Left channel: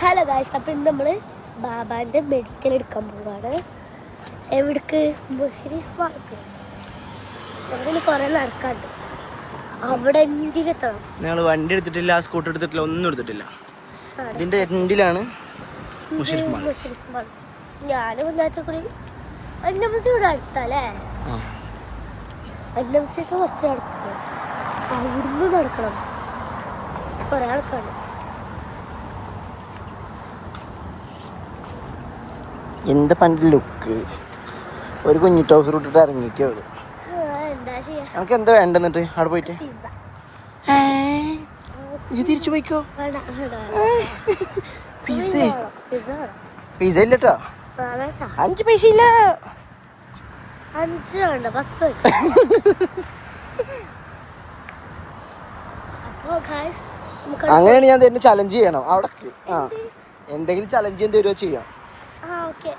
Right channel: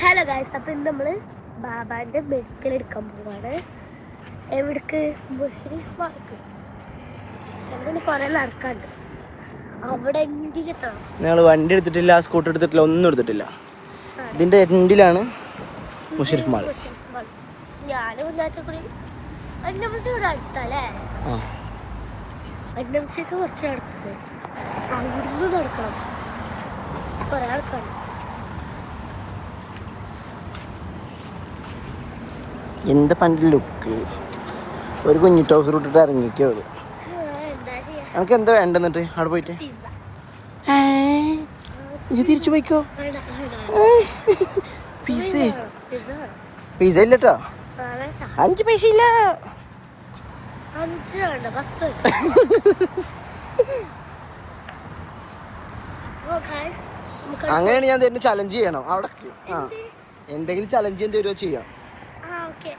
Hello guys, അപ്പം ഇന്ന് നമ്മൾ ബാബാൻ്റെ മെഡിക്കൽ എടുക്കാൻ പോവാണ്. എവിടേക്ക്? മുഷരീഫ് പാർക്ക്. അവിടെ കുറേ നടക്കാണ്ട്. അവിടെ എത്തിയെത്തണം. ഞങ്ങൾ വണ്ടി എടുത്തിട്ടില്ല, സ്കൂട്ടർ എടുത്തിട്ടില്ല, ഒന്നും എടുത്തിട്ടില്ല. ഇതിന്റെ എൻഡിലാണ് മുഷരീഫ് മാൾ. ഞാൻ വിചാരിച്ചൂടി ഇവിടെ അടുത്തല്ലേ. കുറച്ച് നടക്കണം, അവിടുന്ന് നടക്കണം, കുറേ നടക്കണം. എന്താ പണ്ട് ലുക്ക്, ഒരു കുഞ്ഞി ടോസർ ഇട്ടിട്ട് ഇറങ്ങിക്കോ. എനിക്ക് എന്താ വേണ്ടെന്നിട്ട് അവിടെ പോയിട്ട് ഇത് തിരിച്ചു പോയിക്കോ. പിസ ഇല്ലട്ടോ, 5 പൈസ ഇല്ല. അങ്ങനെയാണ് ഞാൻ തന്നെ ചലഞ്ച് ചെയ്യണം അവിടെ. എന്തെങ്കിലും ചലഞ്ച് ചെയ്യേണ്ടി വരുമോ ചെയ്യാം. ഓക്കെ.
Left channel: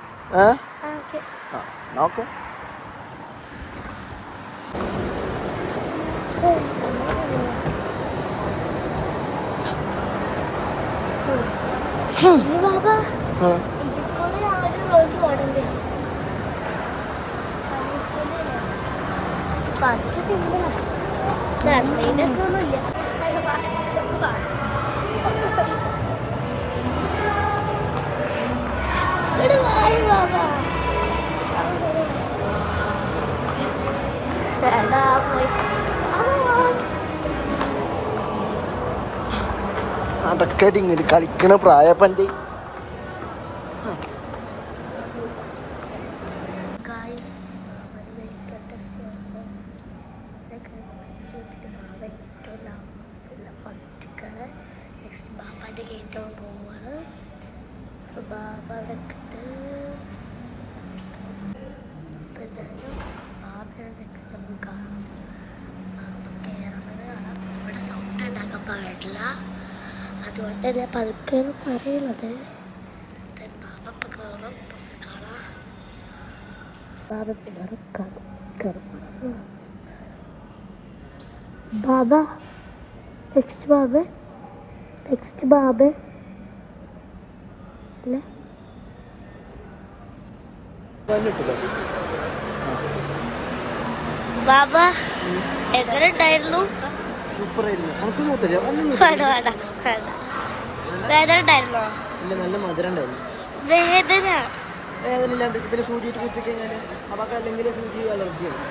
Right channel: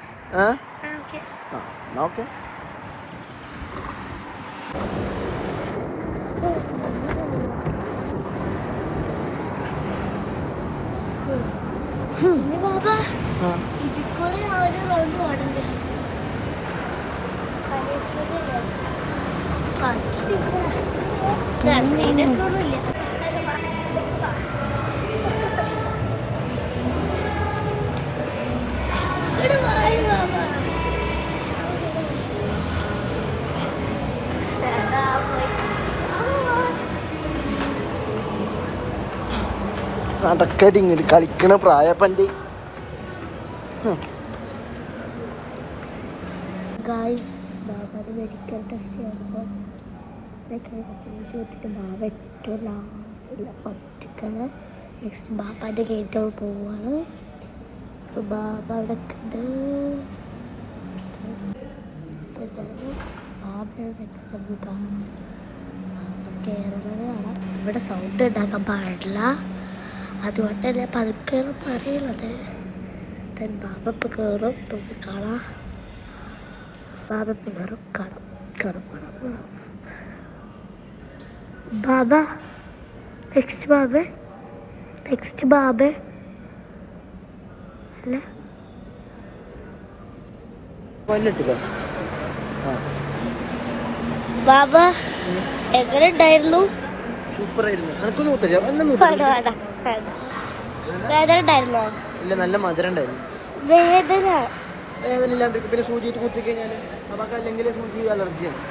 നടക്കടി ഇങ്ങോട്ട് കളിക്കണ പ്രായപ്പൻ്റെ. മെഡിക്കൽ ടെസ്റ്റ് ബാബ ഏറ്റവും ലാസ്റ്റ് ഫസ്റ്റ് നെക്സ്റ്റ് ബാബാൻ്റെ ഡേറ്റ് പോവാണ്. ബാബ ഉണ്ട്. ബാബയുടെ നെക്സ്റ്റ് നമുക്ക് കാണാം. കേരളത്തിൽ കാണാം. ഇവിടെ സൗണ്ട് ഉണ്ടാക്കാൻ പാടില്ല, അതുകൊണ്ട് തന്നെ പതുക്കെ പറയുന്നത്. ബാബ ഇപ്പം കയറും, നോക്കിക്കാളാം. ബാബ കയറും, കയറും. ബാബ നെക്സ്റ്റ് ബാബ അല്ലേ? ബാബ എങ്ങനെ ഉണ്ടായിരുന്നു? വേദന ഉണ്ടായിരുന്നോ? ഇല്ല, നല്ല മധുരം ഉണ്ടായിരുന്നു. വേദന ഇല്ലാണ്ട് പിന്നെ സൂചി കുത്തി കഴിഞ്ഞാൽ അവർക്ക് അല്ലെങ്കിൽ സൂചി അലർജിയാണ്.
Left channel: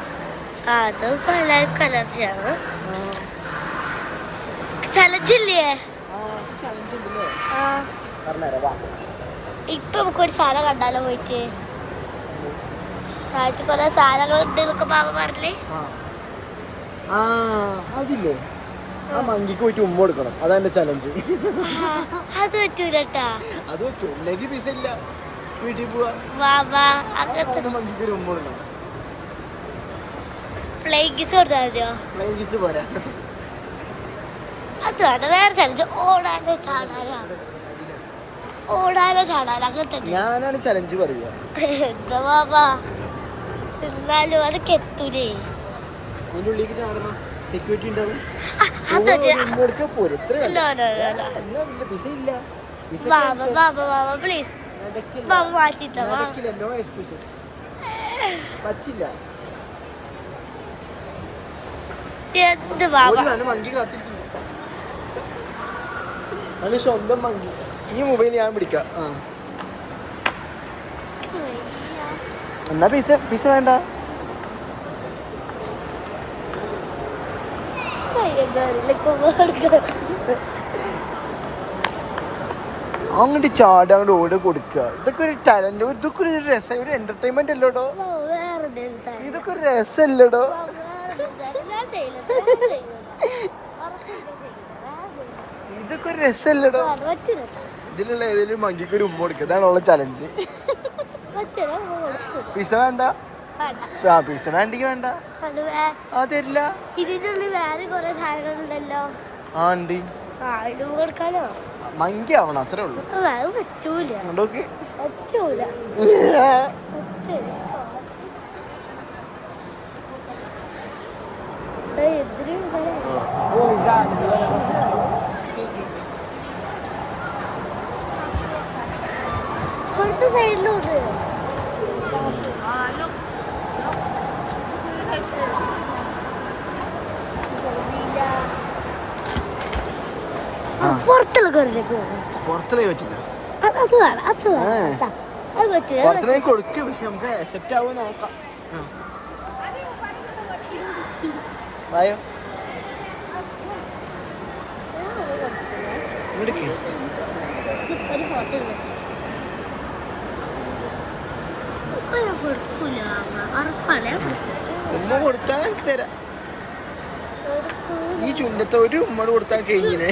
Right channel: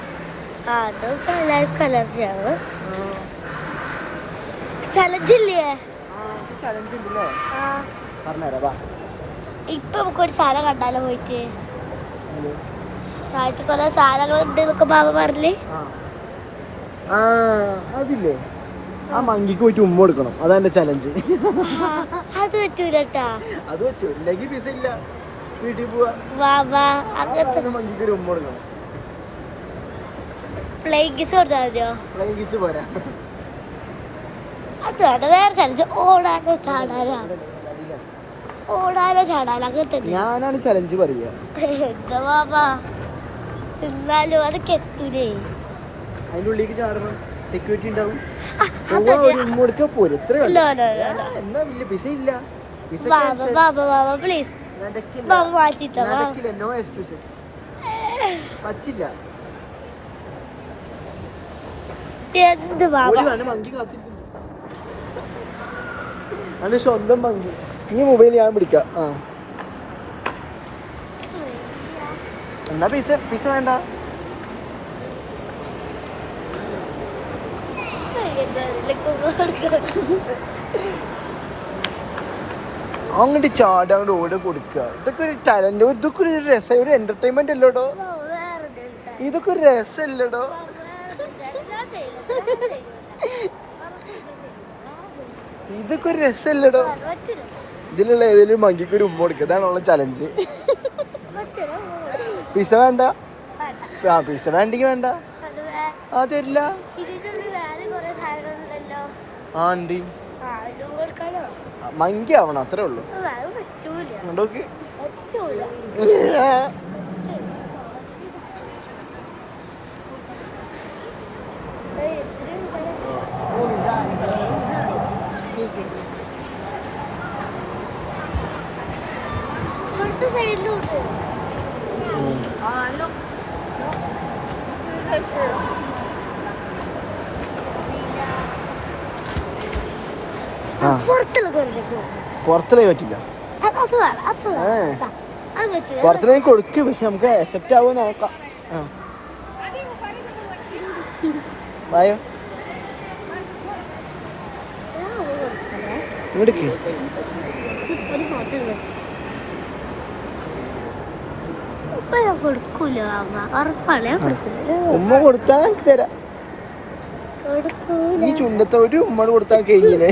അത് എല്ലാവർക്കും അലർജിയാണ്. ചലഞ്ചില്ലേ? ഇപ്പൊ നമുക്കൊരു സാധനം കണ്ടാലോ പോയിട്ട്? താഴത്ത് കൊറേ സാധനങ്ങൾ ഉണ്ട് എന്നൊക്കെ ബാബ പറഞ്ഞ്. അതില്ലേ, ആ മങ്കിക്ക് പോയിട്ട് ഉമ്മ കൊടുക്കണം, അതാണ് ചലഞ്ച്. അത് പറ്റൂലട്ടാ. അത് പറ്റൂ, ഇല്ലെങ്കിൽ പിസ ഇല്ല, വീട്ടിൽ പോവാ. ബാബാ അങ്ങനത്തെ മങ്കിക്ക് ഉമ്മ കൊടുക്കണം. ഫ്ലൈങ് കിസ് കൊടുത്താൽ മതിയോ? ഫ്ലൈങ് കിസ് പോരാ, അത് വേണ്ട. വേറെ ചലഞ്ച്, ഓടാനോ ചാടാനോ അങ്ങനത്തെ. ഞാനാണ് ചലഞ്ച് പറയുക. എന്താ ബാബാ, എന്നാലും അതൊക്കെ എത്തൂലേ. അതിന്റെ ഉള്ളിലേക്ക് ചാടണം, സെക്യൂരിറ്റി ഉണ്ടാവും. പ്ലീസ് ബാബ മാറ്റിട്ടോ. പറ്റില്ല. എന്ത് ബാബ, മങ്കി കാത്തിരിക്കുന്നു. അത് സ്വന്തം മങ്കി. ഈ മൊബൈൽ ഞാൻ പിടിക്കാം. എന്നാ പിസ വേണ്ട. അങ്ങോട്ട് ചാടി അങ്ങോട്ട് ഓടി കൊടുക്കുക. ഇതൊക്കെ ഒരു ടാലന്റ്, ഇതൊക്കെ ഒരു രസം, ഒരു എന്റർടൈൻമെന്റ് അല്ലോടോ. ഇതൊക്കെ ഒരു രസമല്ലോടോ. ഇതൊക്കെ ഒരു രസമല്ലടോ. ഇതിലുള്ള ഏതെങ്കിലും മങ്കിക്ക് ഒരു ഉമ്മ കൊടുക്കുക, ഇതാണുള്ള ചലഞ്ച്. പിസ വേണ്ട. പിസ വേണ്ടെങ്കിൽ വേണ്ട. തരില്ല. ഉണ്ട്, മങ്കി ആവണം, അത്രേ ഉള്ളൂ. നോക്കി ഇപ്പുറത്തെ സൈഡിൽ നോക്ക്. പുറത്തിലേക്ക് പറ്റില്ല. അത് വേണം, അത് വേണം. അത് പറ്റില്ല. പുറത്തിലേക്ക് കൊടുക്കും, പക്ഷെ നമുക്ക് അക്സെപ്റ്റ് ആവുമോ നോക്കാം. ഇങ്ങോട്ട് ഒരു ഫോട്ടോ ഇപ്പൊ ഞാൻ കൊടുക്കൂല, ഉറപ്പാണ് ഞാൻ കൊടുക്കൂല. ഉമ്മ കൊടുത്താൽ എനിക്ക് തരാം. ഈ ചുണ്ടത്തെ ഒരു ഉമ്മ കൊടുത്താൽ കഴിഞ്ഞില്ലേ?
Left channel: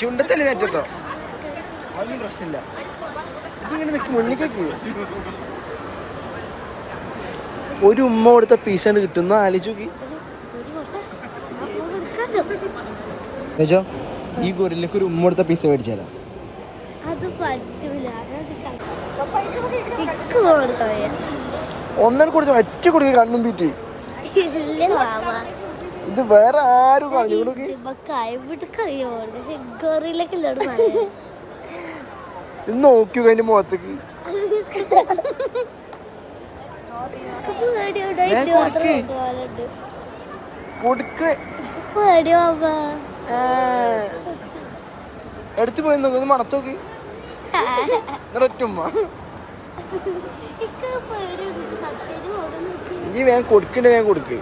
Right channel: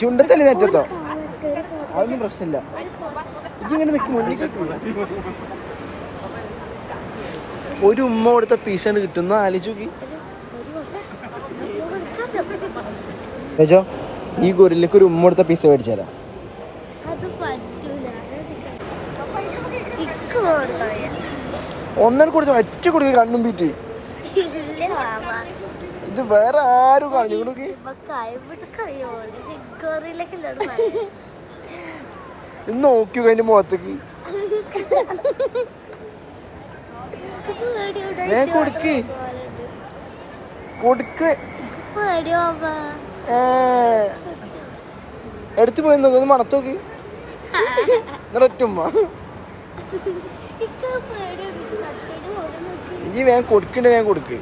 ചുണ്ടത്തല്ലേ നെറ്റത്തോ? അതൊന്നും പ്രശ്നമില്ല. ഇതിങ്ങനെ നിൽക്കി മുന്നിലേക്ക് ഒരു ഉമ്മ കൊടുത്ത പീസാണ് കിട്ടുന്ന ആലോചിച്ച് നോക്കി. ഈ ഗൊറില്ലക്ക് ഒരു ഉമ്മ കൊടുത്ത പീസ മേടിച്ചാലാ? ഒന്നര കൊടുത്ത ഒറ്റ കൊടുത്ത് കണ്ണും പീറ്റ്. ഇത് വേറെ ആരും പറഞ്ഞു കൊടുക്ക്. ഇത് നോക്കിയോ അതിന്റെ മുഖത്തേക്ക്. കൊടുക്ക് കൊടുക്ക്. എടുത്തു പോയി നോക്കി മണത്തോക്ക്. ഒറ്റുമ്മ ഇനി വേഗം കൊടുക്കണ്ടേ, വേഗം കൊടുക്ക്.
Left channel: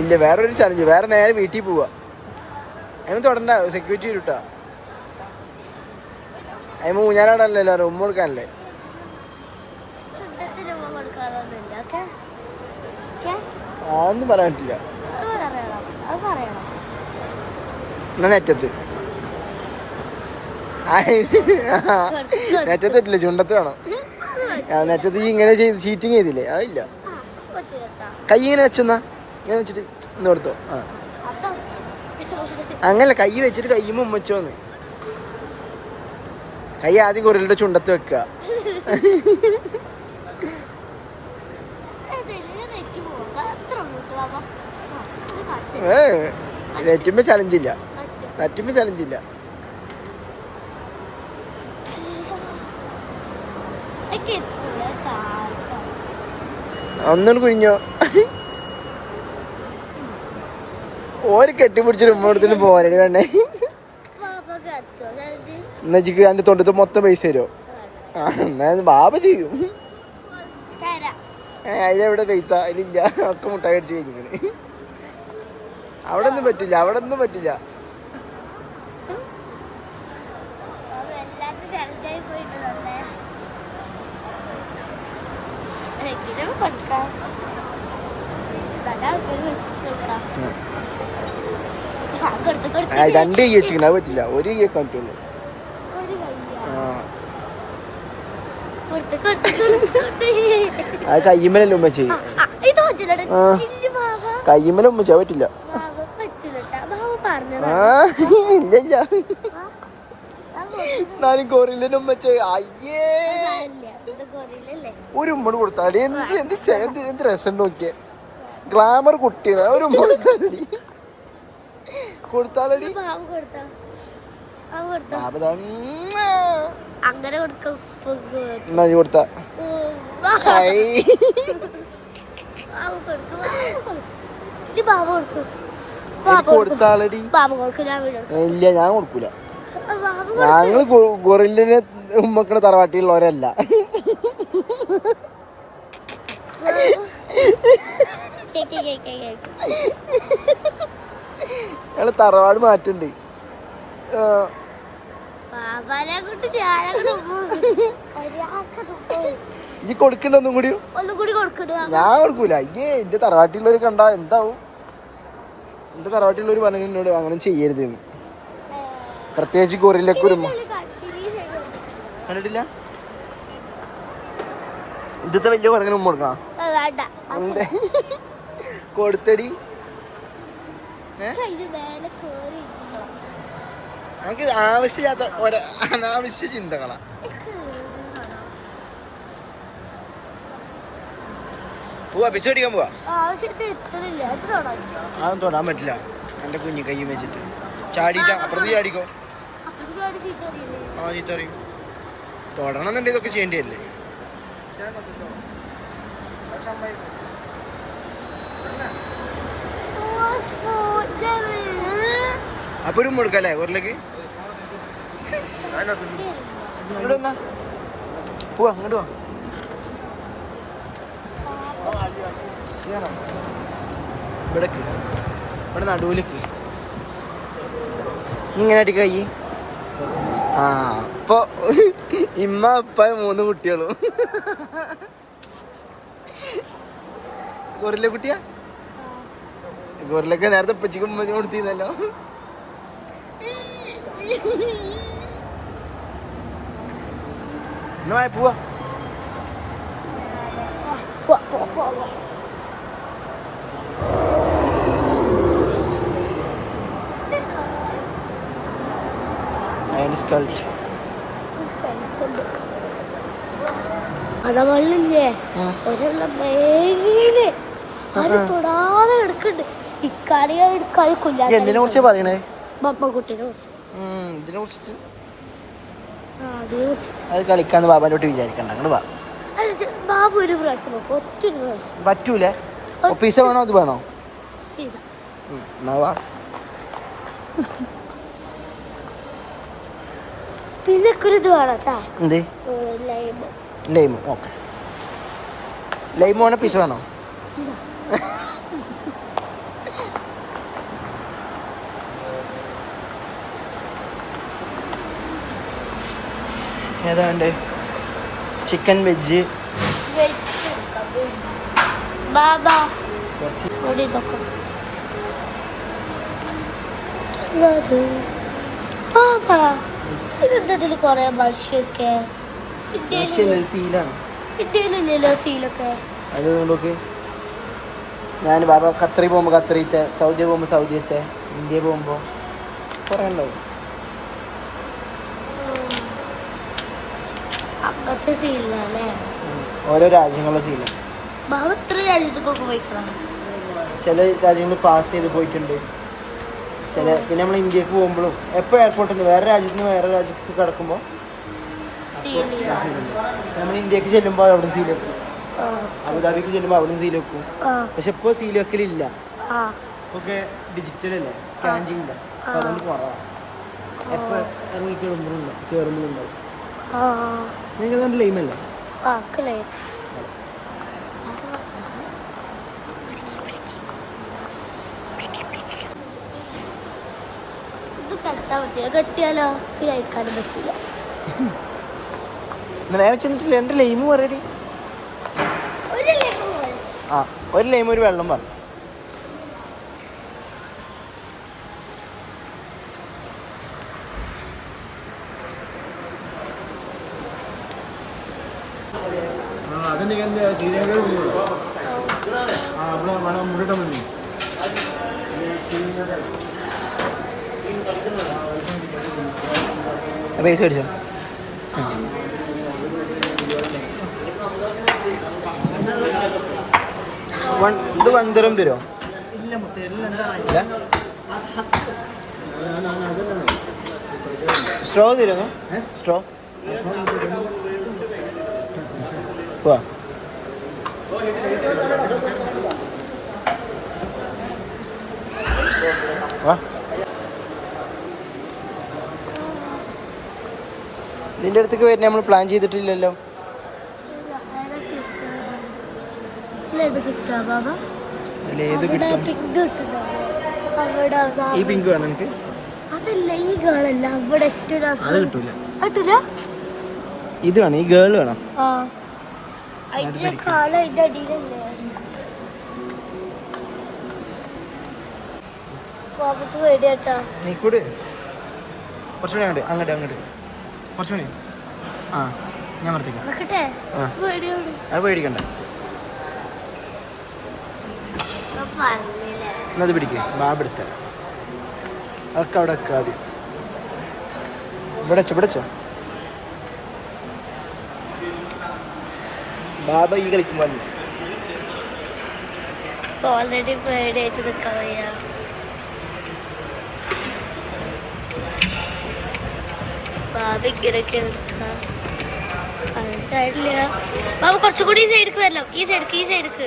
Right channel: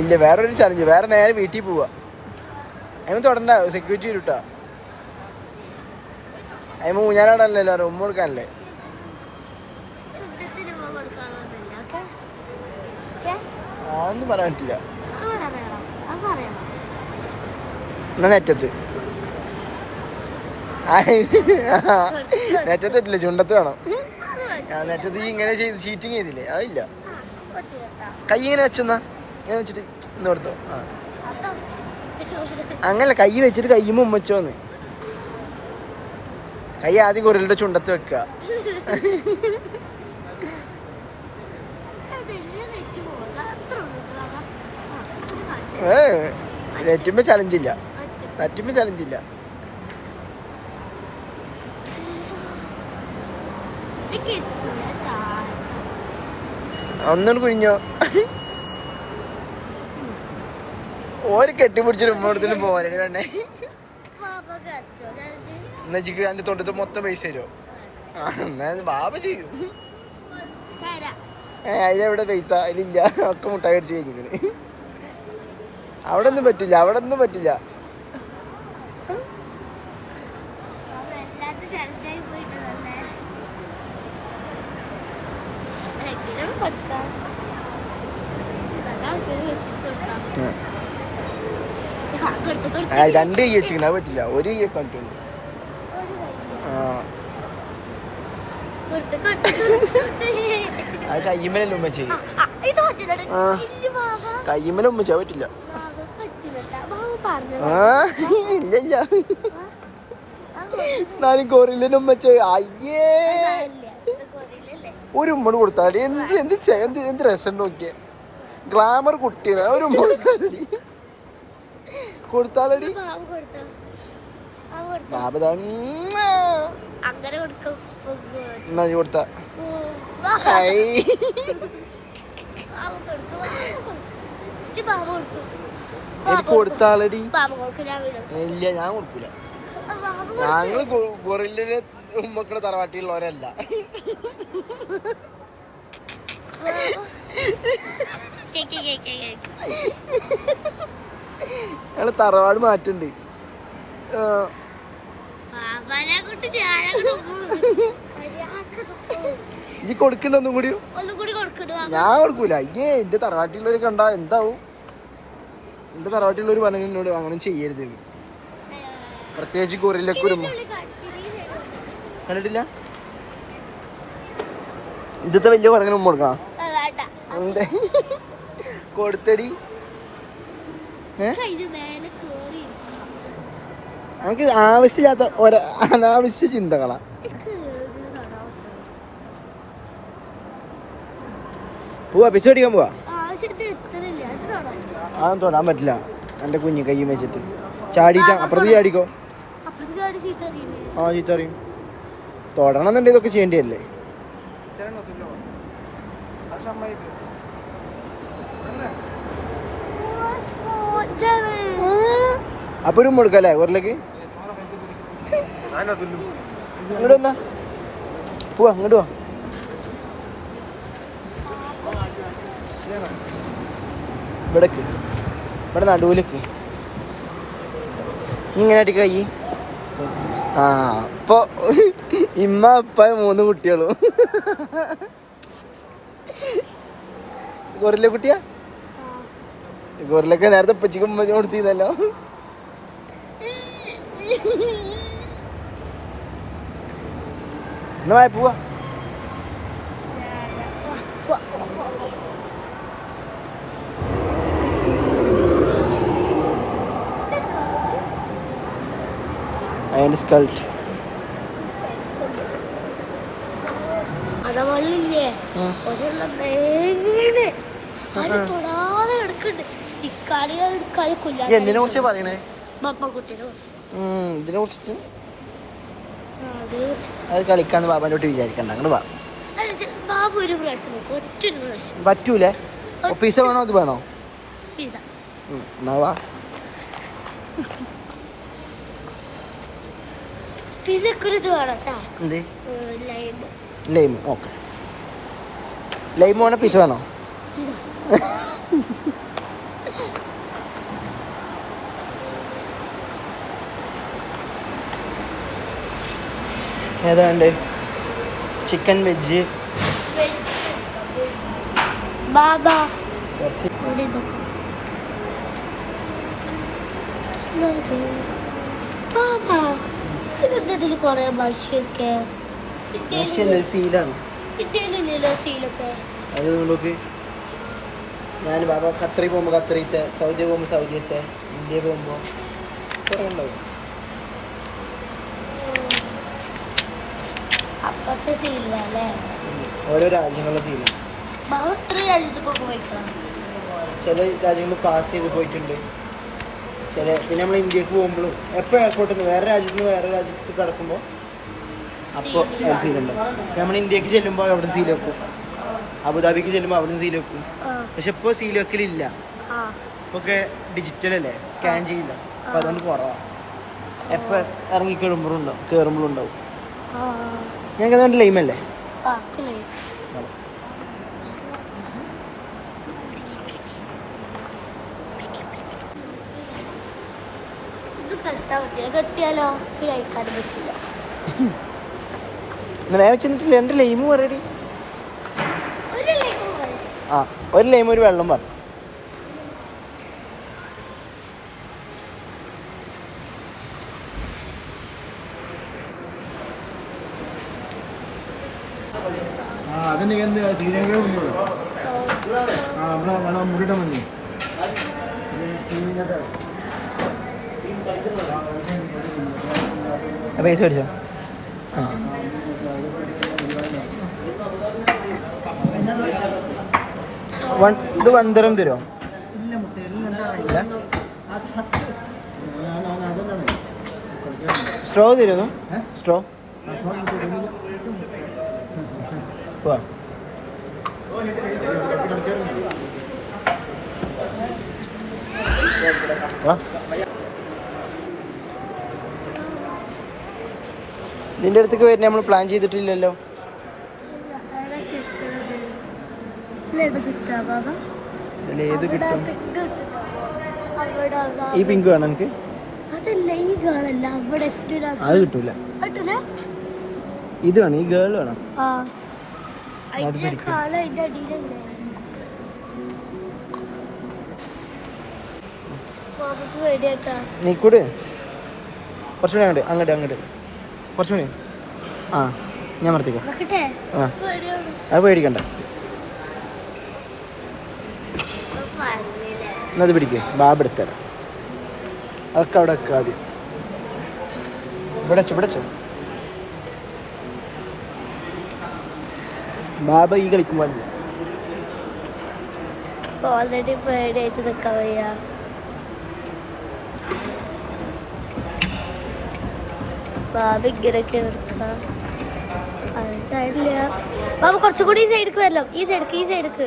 ഇല്ല, വേറൊരു ചലഞ്ച്. വേറെ നേരെ വീട്ടിൽ പോവാ. അതിന് തൊടണ്ട, സെക്യൂരിറ്റി കിട്ടാ. അതിന് ഊഞ്ഞാലാടല്ലോ, ഉമ്മ കൊടുക്കാനല്ലേ. ഒന്നും പറയാൻ പറ്റില്ല. എന്നാ നെറ്റത്ത് നെറ്റത്ത് പറ്റില്ല, ചുണ്ടത്ത് വേണം. നെറ്റത്ത് ഇങ്ങനെ ചീറ്റിങ് ചെയ്തില്ലേ? അതില്ല. കൈ ഇങ്ങനെ വെച്ചെന്നാ ഞാൻ വെച്ചിട്ട് ഇന്ന് കൊടുത്തോ. അങ്ങനല്ല, കൈ വെച്ചിട്ട് കയ്യുമ്പോ ഉമ്മച്ചോന്ന്. കൈ ആദ്യം ഗൊറില്ലയുടെ ചുണ്ടത്ത് വെക്ക. നെറ്റുമ്പോ ചലഞ്ചില്ല, നെറ്റുമ്പോ ചലഞ്ചില്ല. ഒന്നുകൂടി കുഞ്ഞോ. ഓര് കെട്ടിപ്പിടിച്ചിട്ട് ഉമ്മടത്തിന് പോകാനാണ് വേണ്ടേ. എന്നാ ജിക്ക് എന്റെ തൊണ്ടത്ത് മൊത്തം പൈസ തരുമോ? എന്നാ ബാബ ചെയ്യും. അതിലെവിടെ പൈസ? അതിലില്ല, ഒക്കെ മുട്ടായി അടിച്ച് കഴിഞ്ഞിരിക്കണ്. അവിടെ ഒന്നും പറ്റില്ല, അവിടെ ഒന്നും പറ്റില്ല. രണ്ട് കൈ വെച്ചിരിക്കണ, അത് പറ്റില്ല. ഒരു കൈ വെക്കാൻ പറ്റുള്ളൂ. അത് കയ്യുമ്മലല്ലേ ഉമ്മ ചെയ്യും. കയ്യുമ്മല ഉമ്മ ചെയ്യാൻ പറ്റില്ല. ഇല്ല, നാലും ഗൊറില്ലന്റെ ഉമ്മ അയ്യേ. ഒരു ഉമ്മ കൊടുത്താടി. എന്ത് രസം നോക്കിയേ. ഗ്ലാമർ കുട്ടിയാണ്. ഒരു ഉമ്മ കൊടുത്താലടി. എന്നാ കൊടുത്ത എനിക്ക് കൊടുത്താലടി. ഇല്ല, ഞാൻ കൊടുക്കൂല. ഞങ്ങള് ഗൊറില്ലിനെ ഉമ്മക്കണ തറവാട്ടിലുള്ളവരല്ല. ഞങ്ങള് തറവാട് മാറ്റുണ്ട്. ഇനി കൊടുക്കണ്ട ഒന്നും കൂടി? ഞാൻ കൊടുക്കൂല. അയ്യേ, എന്റെ തറവാട്ടിലുള്ളവര് കണ്ടാ എന്താവും? എന്റെ തറവാട്ടിലുള്ളവര് പറഞ്ഞു എന്നോട് അങ്ങനെ ചെയ്യരുത്. പ്രത്യേകിച്ച് ഗൊറില്ലക്ക് ഒരു കണ്ടിട്ടില്ല. ഇന്നത്തെ വലിയ കുറങ്ങനെ ഉമ്മ കൊടുക്കണം. എന്തേ കൊടുത്തടി. നമുക്ക് ആവശ്യമില്ലാത്ത അനാവശ്യ ചിന്തകളാ. പോവാ പിച്ച അടിക്കാൻ പോവാ. അതൊന്നും തൊടാൻ പറ്റില്ല. എൻ്റെ കുഞ്ഞു കൈ വെച്ചിട്ട് ചാടിയിട്ട് അപ്പുറത്ത് ചാടിക്കോ. ആ ചീത്ത അറിയും. തൊടണമെന്നുണ്ടെങ്കിൽ ഇതൊക്കെ ചെയ്യേണ്ടിയല്ലേ. അപ്പൊ ഒരു മുടുക്കല്ലേ ഉരുളക്ക്. ഇങ്ങോട്ട് വന്നാ പോവാ. ഇങ്ങോട്ട് പോവാ. ഇവിടേക്ക് ഇവിടെ നടുവിലേക്ക് ഇങ്ങനെ അടിക്ക കൈ. ആ ഇപ്പൊ ഇമ്മ ഇപ്പ 3 കുട്ടികളും. ഗൊറില്ല കുട്ടിയാ. ഗൊറിലൊക്കെ നേരത്തെ ഉപ്പച്ചിക്ക് ഉമ്മച്ചിന് കൊടുത്തിരുന്നല്ലോ. എന്നാ പോവാ. അതിന്റെ സ്കൾട്ട് എന്തിനെ കുറിച്ച് പറയണേ? ഇതിനെ കുറിച്ചിട്ട് അത് കളിക്കാന്ന് ബാബാനോട്ട് വിചാരിക്കണ്ട. അങ്ങോട്ട് വാ. പറ്റൂലേ? പിസ വേണോ അത് വേണോ? എന്നാ വാ. Lime okay. ലൈമ് വേണോ പിസ വേണോ? ഏതാ വേണ്ടേ? ചിക്കൻ വെജ് ഇതിൽ കൊറേ മത്സ്യൊക്കെ സീലാണ്. സീലൊക്കെ അത് നോക്ക്. ഞാൻ ബാബ ഖത്തറി പോകുമ്പോൾ ഖത്തറിത്തെ, സൗദി പോകുമ്പോൾ സൗദിയത്തെ, ഇന്ത്യ പോകുമ്പോൾ കുറേ ഉണ്ടാവും. അപ്പത്തെ സീലല്ലേ ഓരോ രാജ്യങ്ങളുടെ സീല്. എത്ര രാജ്യത്തേക്കൊക്കെ പോയിക്കണം. ചില രാജ്യങ്ങൾ പാസ് ചെയ്ത് പോയിട്ടുണ്ട്. പിന്നെ നമ്മൾ ഇന്ത്യക്ക് പോകുമ്പോഴും എപ്പോൾ എയർപോർട്ടിൽ നിന്ന് വേറെ രാജ്യത്ത് നിന്ന് വേറെ രാജ്യത്ത് കിടക്കുമ്പോൾ അപ്പോൾ സീലുണ്ട്. നമ്മൾ ഇന്ത്യക്ക് ചെല്ലുമ്പോൾ അവിടെ സീൽ വെക്കും, അബുദാബിക്ക് ചെല്ലുമ്പോൾ അവിടെ സീൽ വെക്കും. പക്ഷെ ഇപ്പോൾ സീൽ വെക്കലില്ല. ഇപ്പൊക്കെ ഡിജിറ്റൽ അല്ലേ, സ്കാൻ ചെയ്യില്ല. അപ്പം അതുകൊണ്ട് കുറവാണ്. എപ്പോൾ ഇറങ്ങി കയറുമ്പോഴും ഉണ്ടാവും. ഞങ്ങൾക്ക് അതുകൊണ്ട് ലൈമല്ലേ? രണ്ട് ലൈമ് പറയടി. ആ ഒരു ലൈമ് ഒരു വെള്ളം പറഞ്ഞു. പൈസ മേടിച്ചോ? ഇത് 1 ദിർഹം തരുമോ? ഇല്ല. സ്ട്രോ തരുമോ? സ്ട്രോ വാ. വാ. ഇതിൻ്റെ അടുത്തേക്ക് വരുന്ന നമ്മൾ പ്ലാൻ ചെയ്തിട്ടില്ലല്ലോ. ഏത് കിട്ടും? ഈ പിങ്ക് വേണം എനിക്ക്. അത് കിട്ടൂല. ഇത് വേണം, ഈ ഗേൾ വേണം. നീ കൂടെ കുറച്ചുകൂടി അങ്ങോട്ട് കുറച്ചുകൂടി. ആ ഞാൻ നിർത്തിക്കോ. ആ അത് പേടിക്കണ്ട. എന്നത് പിടിക്കേ, ബാബ എടുത്തരാം. അതൊക്കെ അവിടെ വെക്കുക ആദ്യം. ഇവിടെ വെച്ചോ. ബാബ ഈ കളിക്കുക. ഓൾറെഡി പേടിയായിട്ട് നിൽക്കാൻ വയ്യ. ബാബ ഇങ്ങനെയൊക്കെ എടുക്കുക അറിയില്ല. ബാബ കുറച്ചുകൂടി ഈ സൈഡിക്ക് വരണം. ഈ സൈഡിക്ക് ഈ സൈഡിക്ക്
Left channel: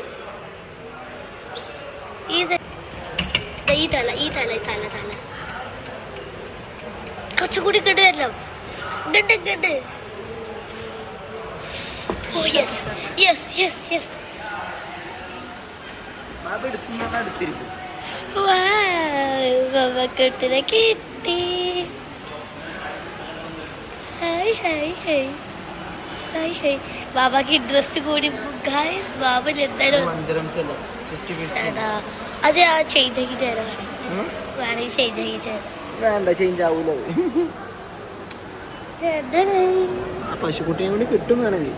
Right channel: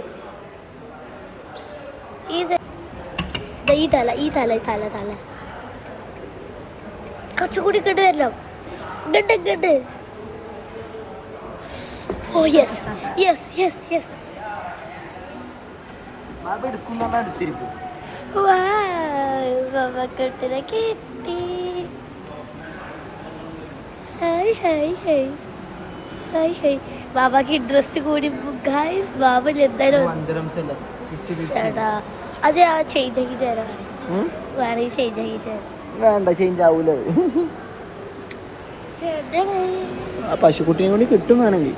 ഈ തല ഈ തല തല തല കുറച്ചുകൂടി ഇങ്ങോട്ട് വരണം. ഇങ്ങോട്ട് ഇങ്ങോട്ട്. Oh yes yes yes yes. കെട്ടിനെ കിട്ടി. Hi hi hi hi hi. ബാബാക്ക് ഇൻട്രസ്റ്റ് കൂടി ഗൈസ്. ബാബ എന്തായാലും അത് ഞാൻ ചേഞ്ച് ആക്കിയിട്ട് തരാം. വേണമെങ്കിൽ ചേഞ്ച് ആക്കിയിട്ട് തരാം. വേണ്ട, ചേഞ്ച് ആവൂല. പശുക്കുട്ടിയെ കൂടി കിട്ടും വേണമെങ്കിൽ.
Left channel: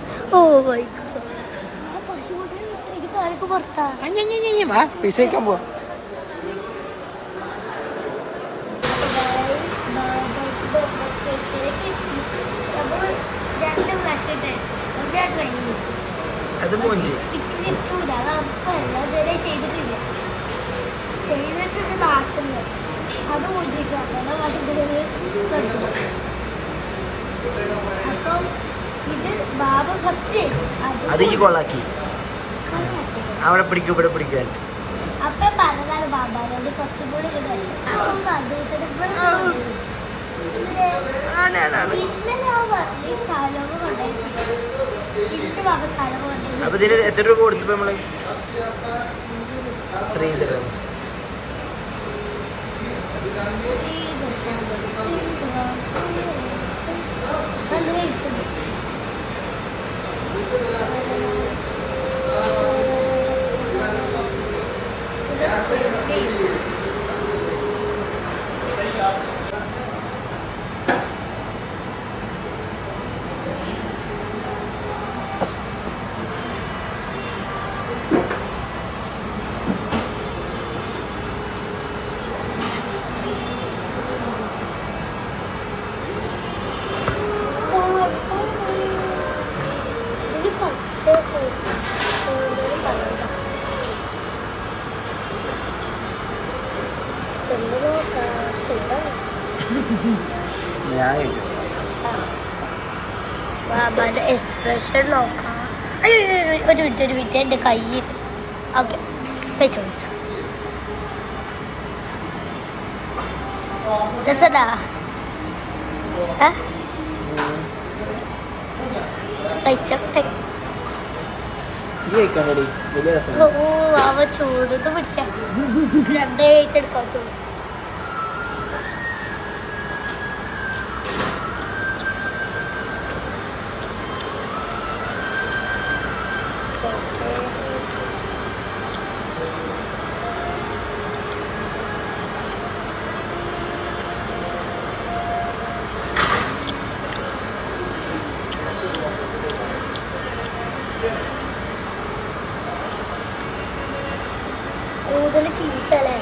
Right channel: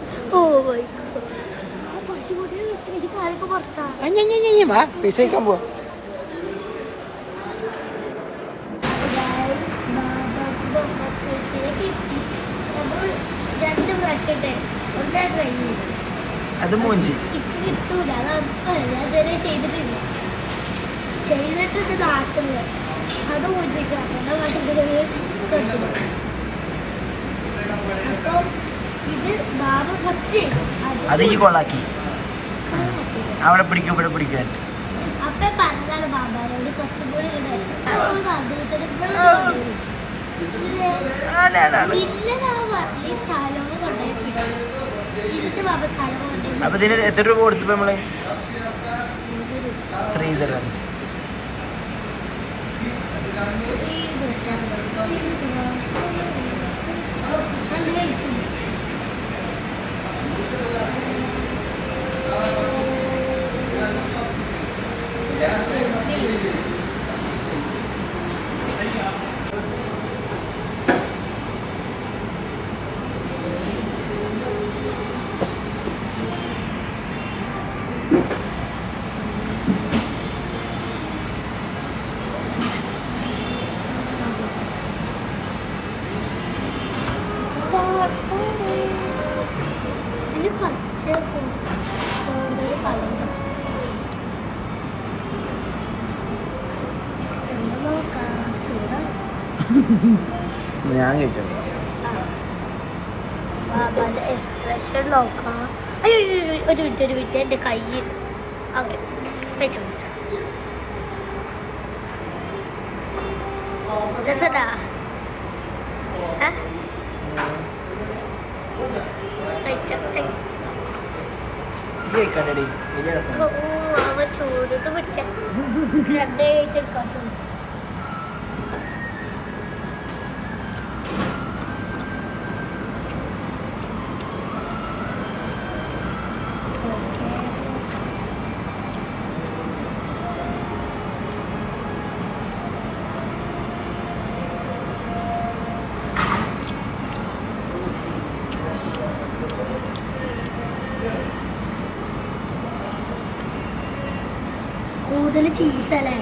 പൈസ കഴിക്കാൻ പോവാ. അത് മോഞ്ചി ചെയ്തിട്ട് നാട്ടില് അത് മോചിക്കാണ് ഭയങ്കര കെട്ടിടം. അപ്പൊ ഇത് ബാബ ഫസ്റ്റ് അത് ഈ കൊള്ളാക്കി അവിടെ പിടിക്കും ഇവിടെ പിടിക്കാൻ. അപ്പൊ പറഞ്ഞാണ് ബാബാനോട് കുറച്ചും കൂടി അപ്പൊ ഇതിന് എത്ര രൂപ കൊടുത്തപ്പോ നമ്മള്? 3 dirhams. ബാബാന്റെ എക്സ്പ്രഷൻ നോക്കാം. അയ്യോ ഒരു മിനിറ്റ് എൻ്റെ കയ്യിൽ. ഓക്കെ കഴിച്ചോ രസടാ. കഴിച്ചോട്ടെ. അവ ചൂടത്ത് പിടിച്ച 2 വെയിറ്റ് എടുക്കാത്തു. കൂടുതൽ ചീസല്ലേ?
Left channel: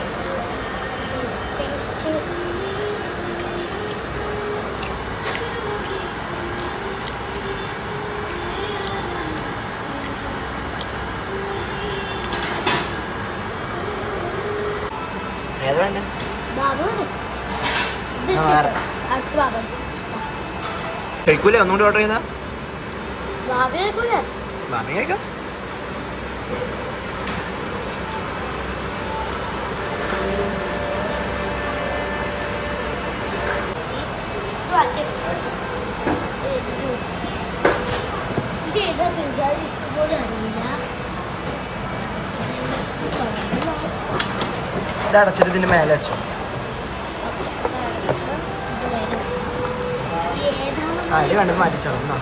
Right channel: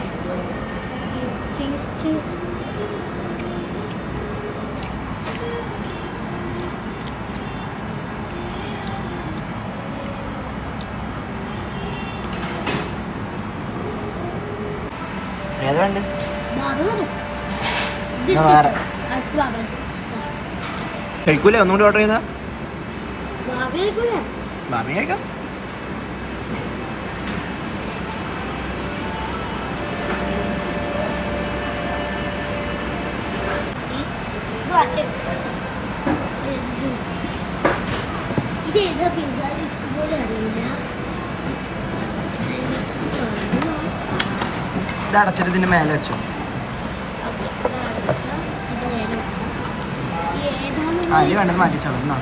Cheese cheese ഏതുണ്ട്? കഴിക്കൂലേ? ഒന്നുകൂടി ഓർഡർ ചെയ്താ ബാബി കഴിക്കാം. ഇതേതാ പിസ്സ ഇതുപോലെ അറിയില്ല. ഇത് അടച്ചിട്ട് ഇതിന്റെ മേലെ വെച്ചോ. അതിൽ വേണ്ടത് മാറ്റിച്ചോളൂ. എന്നാ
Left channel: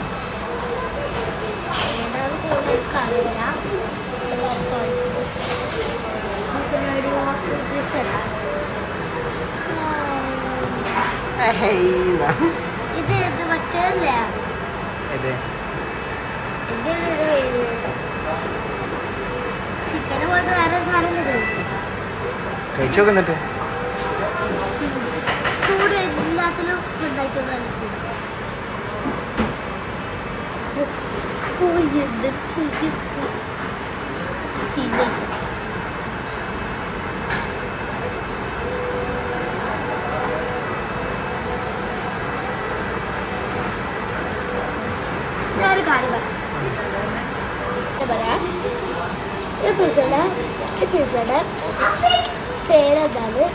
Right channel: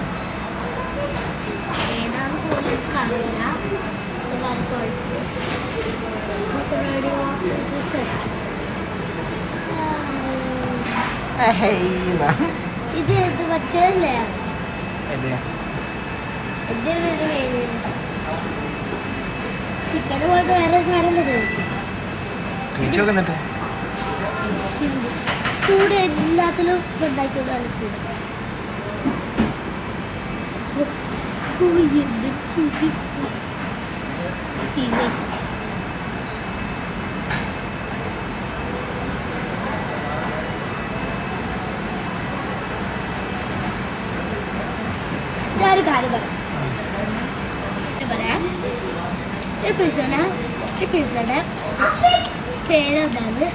ഇത് ഇത് മറ്റേതല്ലേ? ചിക്കന് പോയിട്ട് വേറെ സാധനം തരുമോ? കഴിച്ചു നോക്കുന്നിട്ട് ചൂട് എല്ലാത്തിലും ഉണ്ടാക്കിയതാണ് ചൂട്. പറയാം എപ്പിസോഡ് പേരെന്താണ്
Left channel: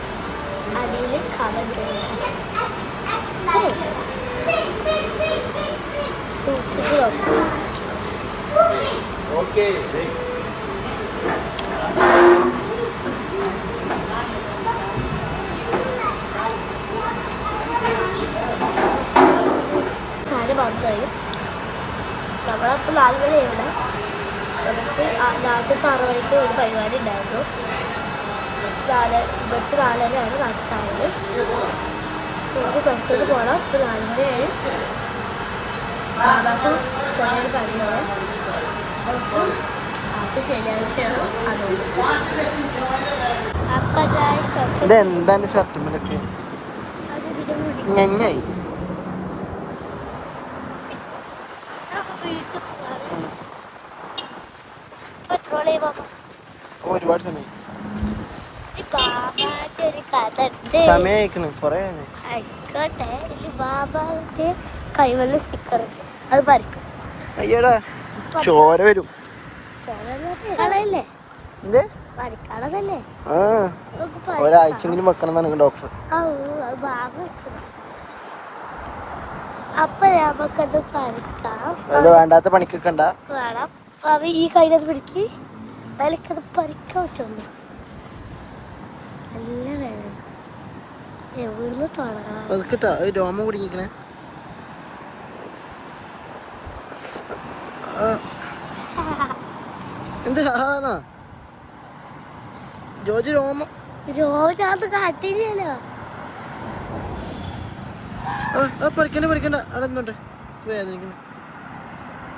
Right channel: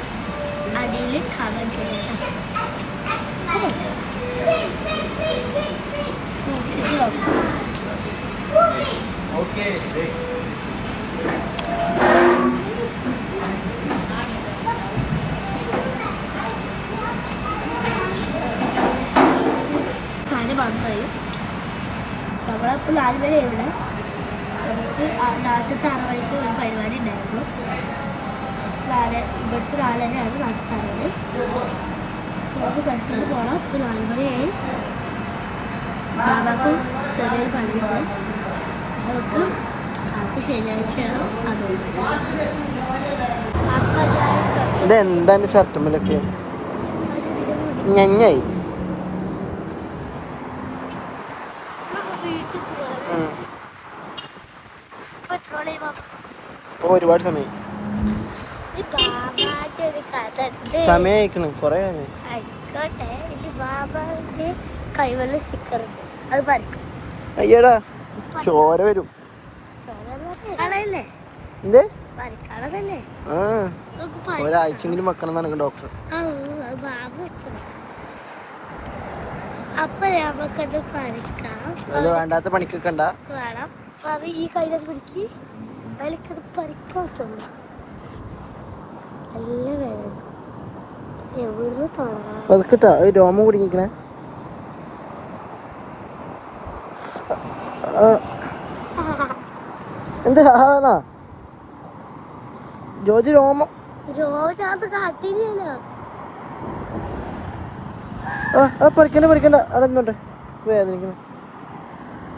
അതിൽ കമന്റ് ചെയ്യാം. സൂക്ഷിച്ച് നോക്കും. നമ്മളപ്പോൾ 4 മണിയുള്ള നമുക്ക് നാട്ടിൽ 6 മണിക്ക് ഒരു പരിപാടി ഉണ്ടായിരുന്നു. ഇവിടുത്തെ 4:30 നാട്ടിൽ 6 മണി. നമുക്ക് പുറത്തോട്ട് പോകണം. ഇപ്പോൾ 4 മണിയായി. ബാബാക്ക് ചെറിയൊരു പണിയുണ്ട്. നമുക്ക് അപ്പോൾ ശനിയാഴ്ചയാണ് അതുകൊണ്ട്. ഇതെന്താണ് ഷർട്ടുമ്മലൊക്കെ ഞഞ്ഞായി. ഒരുപാട് സമയം സമയക്കണ് കൊറേ ആയിക്കോട്ടെ. ബാബാക്ക് കൈവല്ല സ്റ്റിക്കർ അത് പറിക്കും. അയ്യടാ ചോര വരും. കളയല്ലേ എന്ത് പറിക്കാളതല്ലേ? ആ ഒരാഴ്ചെങ്കിലും വെക്കണം എന്നാണ് ഡോക്ടർ. ബാബ വെച്ചത്. അപ്പൊ നമുക്കത് പറിക്കാം. അത് വേണ്ടാത്ത പണിക്കൊക്കെ ഉണ്ടാ വേണം. അവ ഈ കയ്യിലത് പിടിക്ക്. അതിലേക്കത് പറിക്കാൻ പറ്റുള്ളൂ. നല്ല വേദന. എവിടുന്ന് തുടങ്ങാം? രോമം കുടുങ്ങിക്കണേ. എന്ത് ആണാ ജോജി രോമം രോജാത് കാട്ടില്ലല്ലോ. പറിക്കണ്ട അവിടെ നിന്നോട്ടെ വേദനിക്കണേ.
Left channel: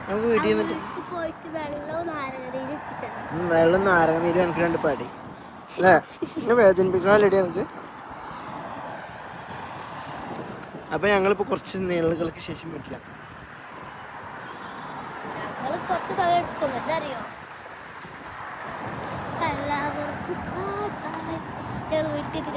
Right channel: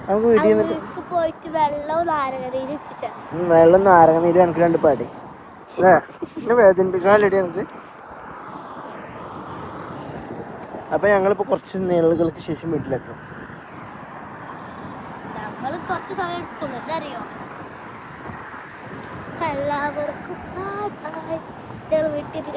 നമുക്ക് വീട്ടിൽ നിന്നിട്ട് പോയിട്ട് വെള്ളം നാരങ്ങനീര് ഇട്ടിച്ചാ. വെള്ളം നാരങ്ങനീര് എനിക്ക് 2 പാടി അല്ലേ? എന്നെ വേദനിപ്പിക്കാനല്ലേടി എനിക്ക്. അപ്പൊ ഞങ്ങളിപ്പോ കുറച്ച് നാളുകൾക്ക് ശേഷം വീട്ടിലെത്തും. ഞങ്ങള് കുറച്ച് സമയം എടുക്കും. എന്തറിയോ? എല്ലാവർക്കും ബൈ. വീട്ടിൽ